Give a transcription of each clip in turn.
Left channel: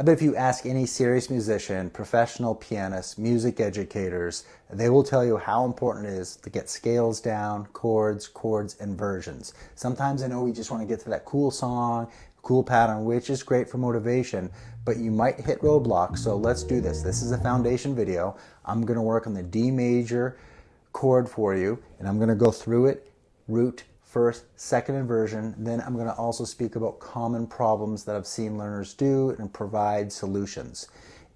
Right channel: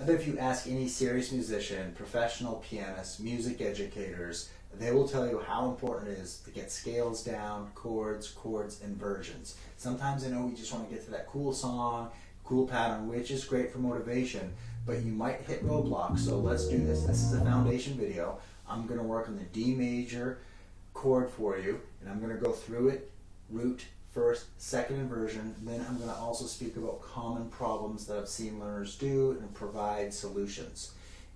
I bet if you ask any serious musician, professional pianists, music educators, they will tell you how important it is to get scales down, chords, inversions. Sometimes I know we just want to get to that cool song, cool pattern, which is great for motivation, but you might hit roadblocks, so let's do this. This is a foundation video. I'm going to work on the D major chord for you, and I'm going to go through it, root, first, second inversion. Then I'm going to also speak about common problems that I've seen learners do and provide solutions.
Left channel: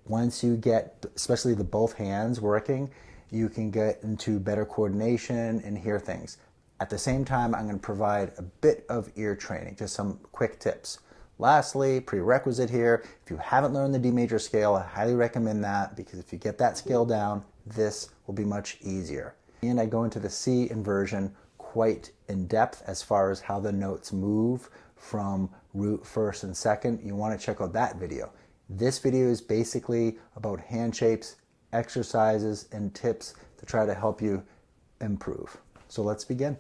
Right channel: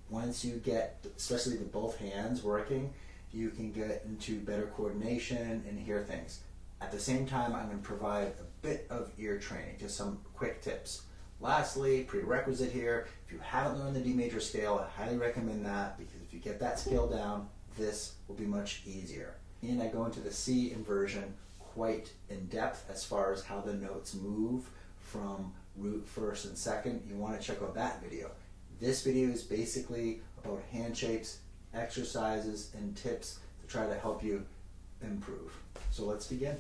Once you get, especially the both hands working, you can get into better coordination and hear things. At the same time, I'm going to provide a bit of ear training, just some quick tips. Lastly, prerequisite here, if you haven't learned the D major scale, I highly recommend that, because if you get that scale down, this will be much easier. And I go into the C inversion quite in depth as far as how the notes move from root, first, and second. You want to check out that video. This video is basically about hand shapes, exercises, and tips to try to help you improve. So let's begin.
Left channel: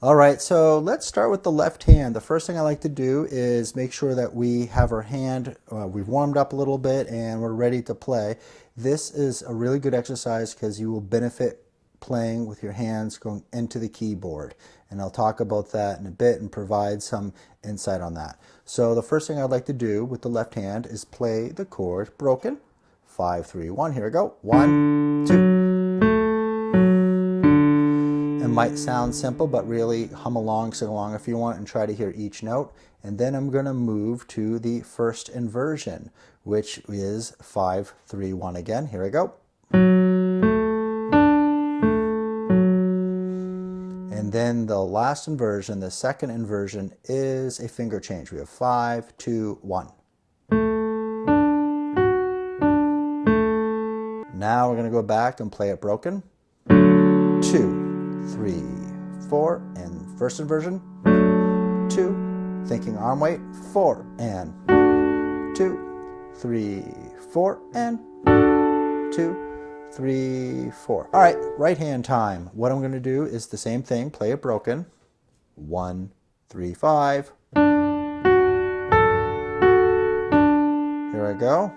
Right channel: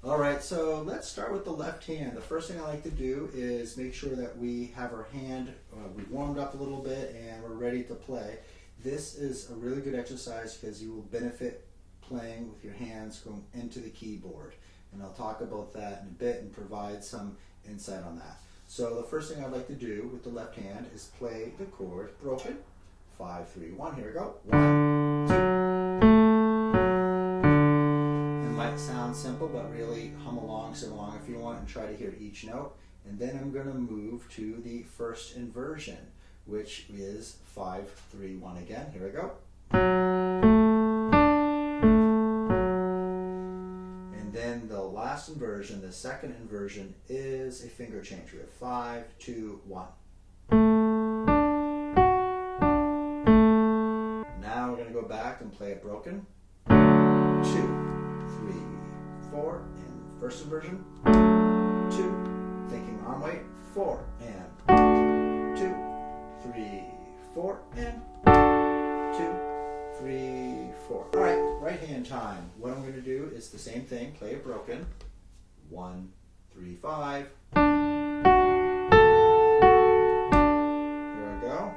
All right, so let's start with the left hand. The first thing I like to do is make sure that we have our hand, we've warmed up a little bit and we're ready to play. This is a really good exercise because you will benefit playing with your hands going into the keyboard, and I'll talk about that in a bit and provide some insight on that. So the first thing I'd like to do with the left hand is play the chord broken. 5, 3, 1. Here we go. 1, 2. It might sound simple, but really hum along, sing along if you want, and try to hear each note. And then I'm going to move to the first inversion, which is 5, 3, 1 again. Here we go. Then the last inversion, the second inversion, is a finger change. We have 5, 2, 1. Now we're going to go back and play it broken. 2, 3, 4, and first inversion. 2, thinking arm weight. 4, and 2, 3, 4, and 2, 3, 4. All right, right hand time. What I'm going to do is the same thing, play it broken. 1, 3, 5. Here I go.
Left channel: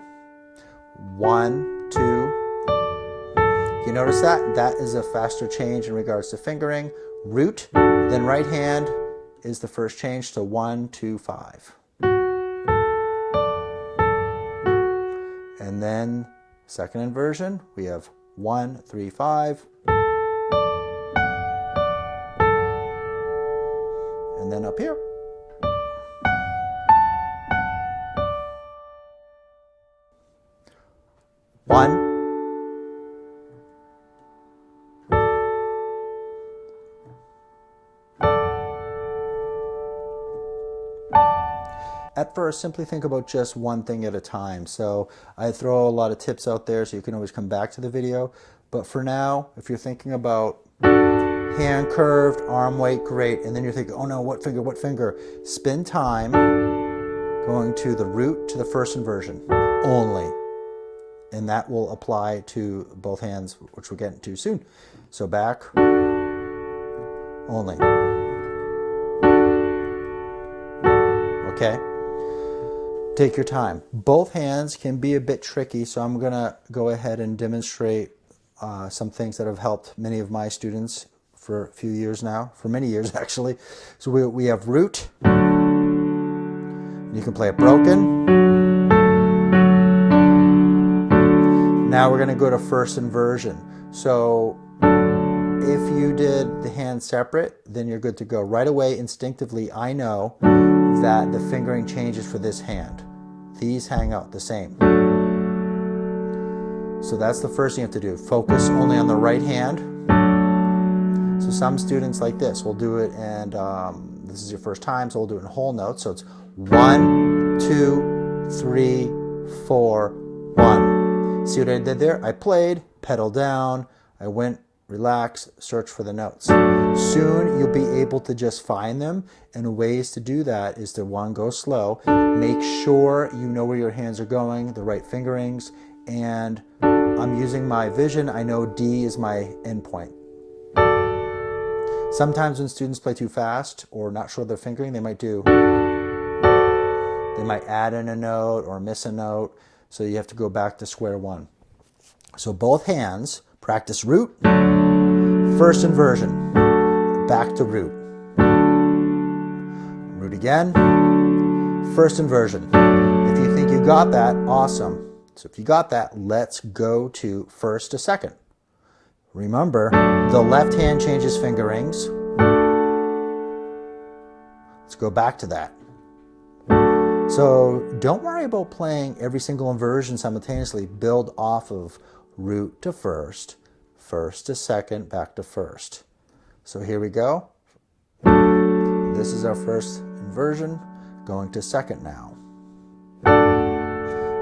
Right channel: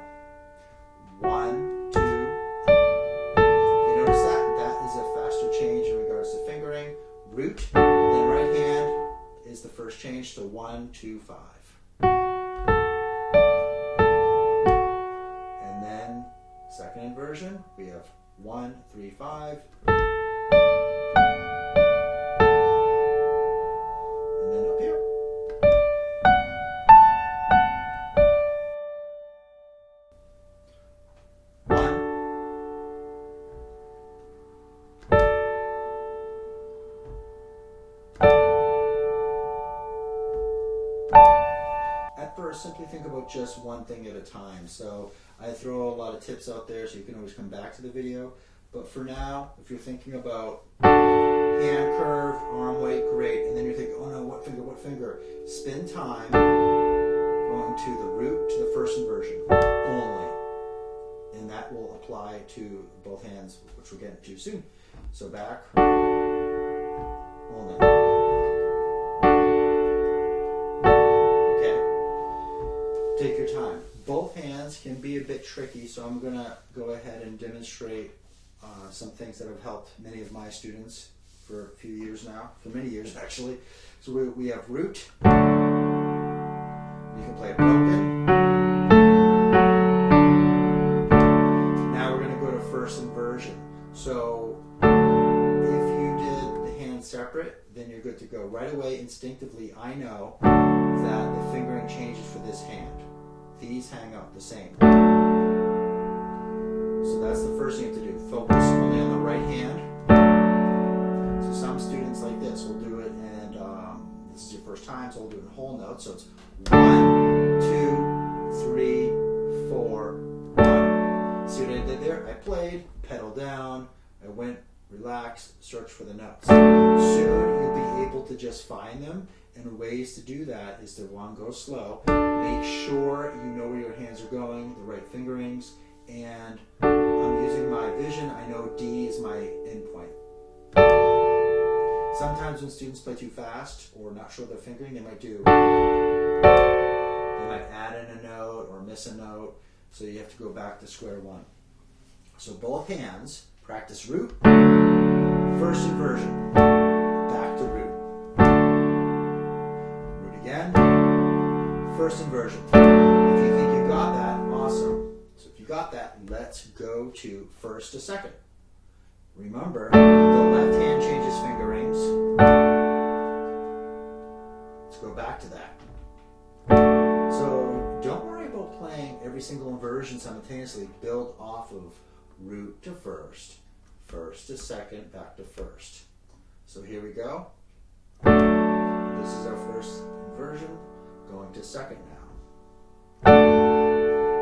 1, 2. You notice that? That is a faster change in regards to fingering. Root, then right hand is the first change to 1, 2, 5. And then second inversion, we have 1, 3, 5. And then up here. One. At first, simply think about just one thing at a time. So I throw a lot of tips out there so you can always come back to the video. But for now, if you're thinking about hand curved, arm weight, great. And then you're thinking, oh no, what finger, what finger? Spend time going to the root to the first inversion only. And that will apply to both hands, which we'll get into soon. So back, only. Okay? Take your time. Both hands can be a bit tricky, so I'm going to go ahead and demonstrate some things that have helped many of my students for a few years now, for many years actually. So we have root. You can play it broken. Now we're going to go to first inversion. So if you did the hands separate, then you're good to go. Right away, instinctively, I know that the fingering changes for this hand. These hang out the same. So that's the first thing you have to do. Focus only on the right hand. So some students like this will do it, and this is your first time, so we'll do it in whole notes. So it's 1, 2, 3, 4, 1. See what I did there? I played, pedal down, I went, relax, search for the notes. Soon you'll be able to just find them, and ways to do that is to, one, go slow, make sure you know where your hands are going, the right fingerings, and I'm using my vision. I know D is my endpoint. Sometimes when students play too fast or not sure their fingering, they might do. They might add in a note or miss a note, so you have to go back to square one. So both hands, practice root, first inversion, back to root. Root again, first inversion. If you think you got that, awesome. So if you got that, let's go to first to second. Remember, the left hand changes fingerings. Let's go back to that. So don't worry about playing every single inversion simultaneously. Build off of root to first, first to second, back to first. So here we go. This is our first inversion, going to second now.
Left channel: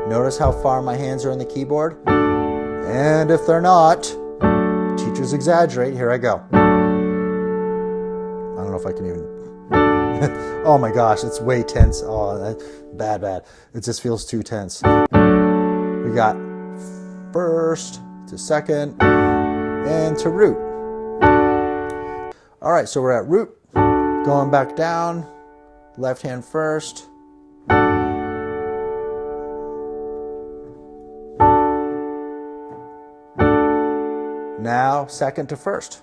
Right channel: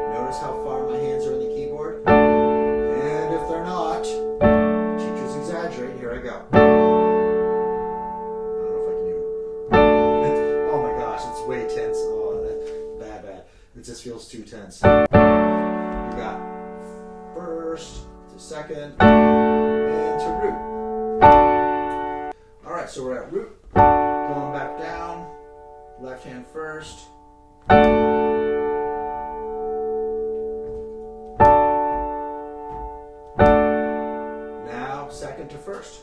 Notice how far my hands are on the keyboard? And if they're not, teachers exaggerate. Here I go. I don't know if I can even... Oh my gosh, it's way tense. Oh, bad. It just feels too tense. We got first to second and to root. All right, so we're at root. Going back down, left hand first. Now, second to first.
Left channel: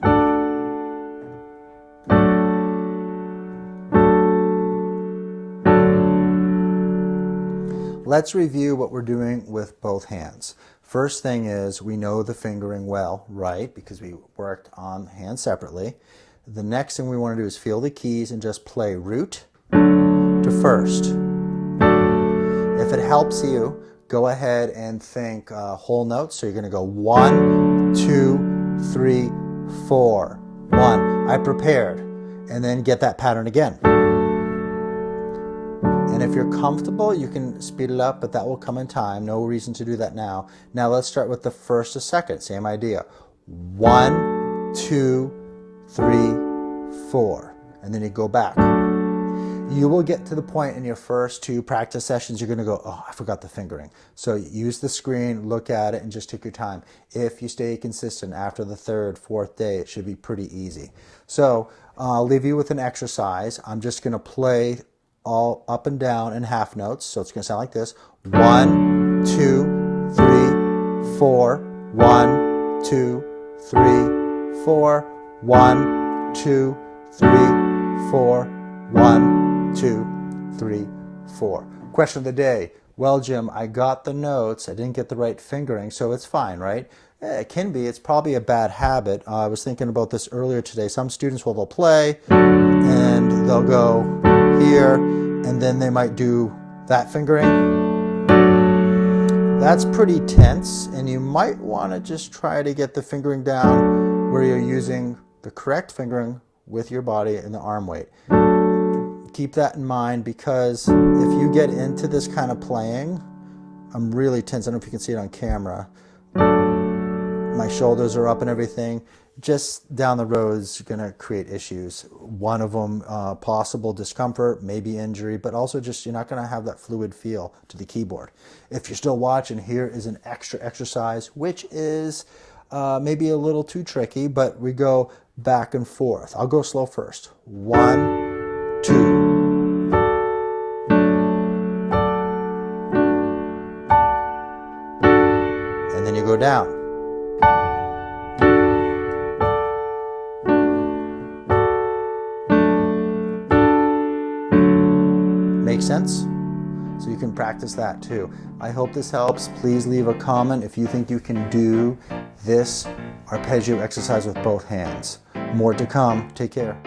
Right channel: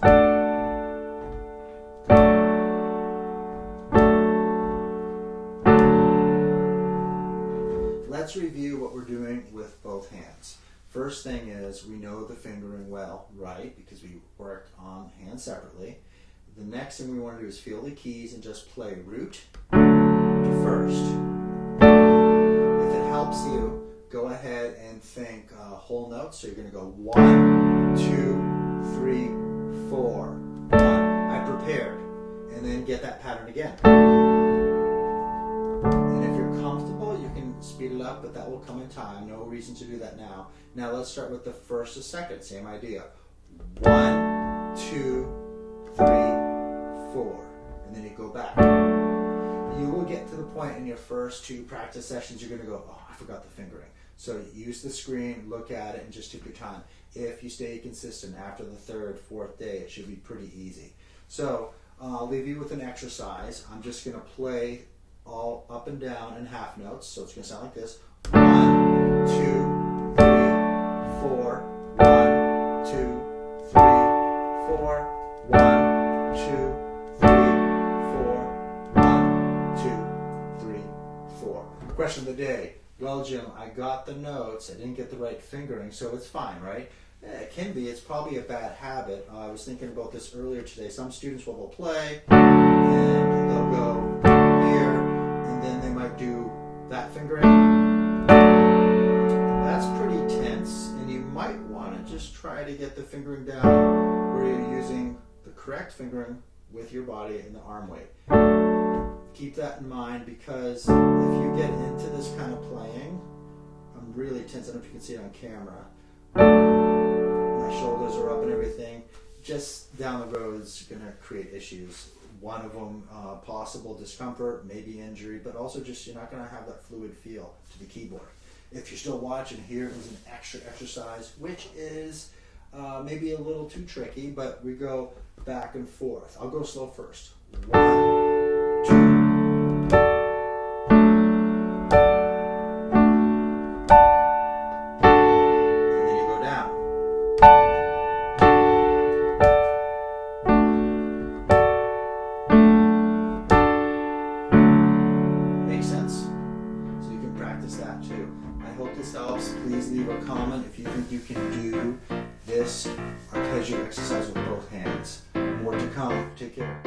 Let's review what we're doing with both hands. First thing is we know the fingering well, right? Because we worked on hands separately. The next thing we want to do is feel the keys and just play root to first. If it helps you, go ahead and think whole notes. So you're going to go 1, 2, 3, 4, 1. I prepared. And then get that pattern again. And if you're comfortable, you can speed it up, but that will come in time. No reason to do that now. Now let's start with the first to second. Same idea. 1, 2, 3, 4. And then you go back. You will get to the point in your first 2 practice sessions, you're going to go, oh, I forgot the fingering. So use the screen, look at it, and just take your time. If you stay consistent after the 3rd, 4th day, it should be pretty easy. So I'll leave you with an exercise. I'm just going to play all up and down in half notes. So it's going to sound like this. 1, 2, 3, 4. 1, 2, 3, 4. 1, 2, 3, 4. 1, 2, 3, 4. Question of the day. Well, Jim, I got the notes. I didn't get the right fingering, so it's fine, right? It can be. It's probably a bad habit. I was thinking about this earlier today. Some students will play, and they'll go here, and then they might do that fingering. That's pretty tense, and you might want to just try to get the fingering down where you're using the correct fingering with your body and the arm weight. Keep that in mind, because if you get into this kind of playing, I'm really tense. I don't know if you can see it on camera. My shoulders are up and everything. Just down the road is going to create issues. One of them, possible discomfort, maybe injury, but also just you're not going to have that fluid feel to the keyboard. If you're still watching, here is an extra exercise, which is maybe a little too tricky, but we go back and forth. I'll go slow first. 1, 2. And then you go down. Make sense? So you can practice that too. I hope this helps. Please leave a comment if you think you can do this arpeggio exercise with both hands. More to come. Take care.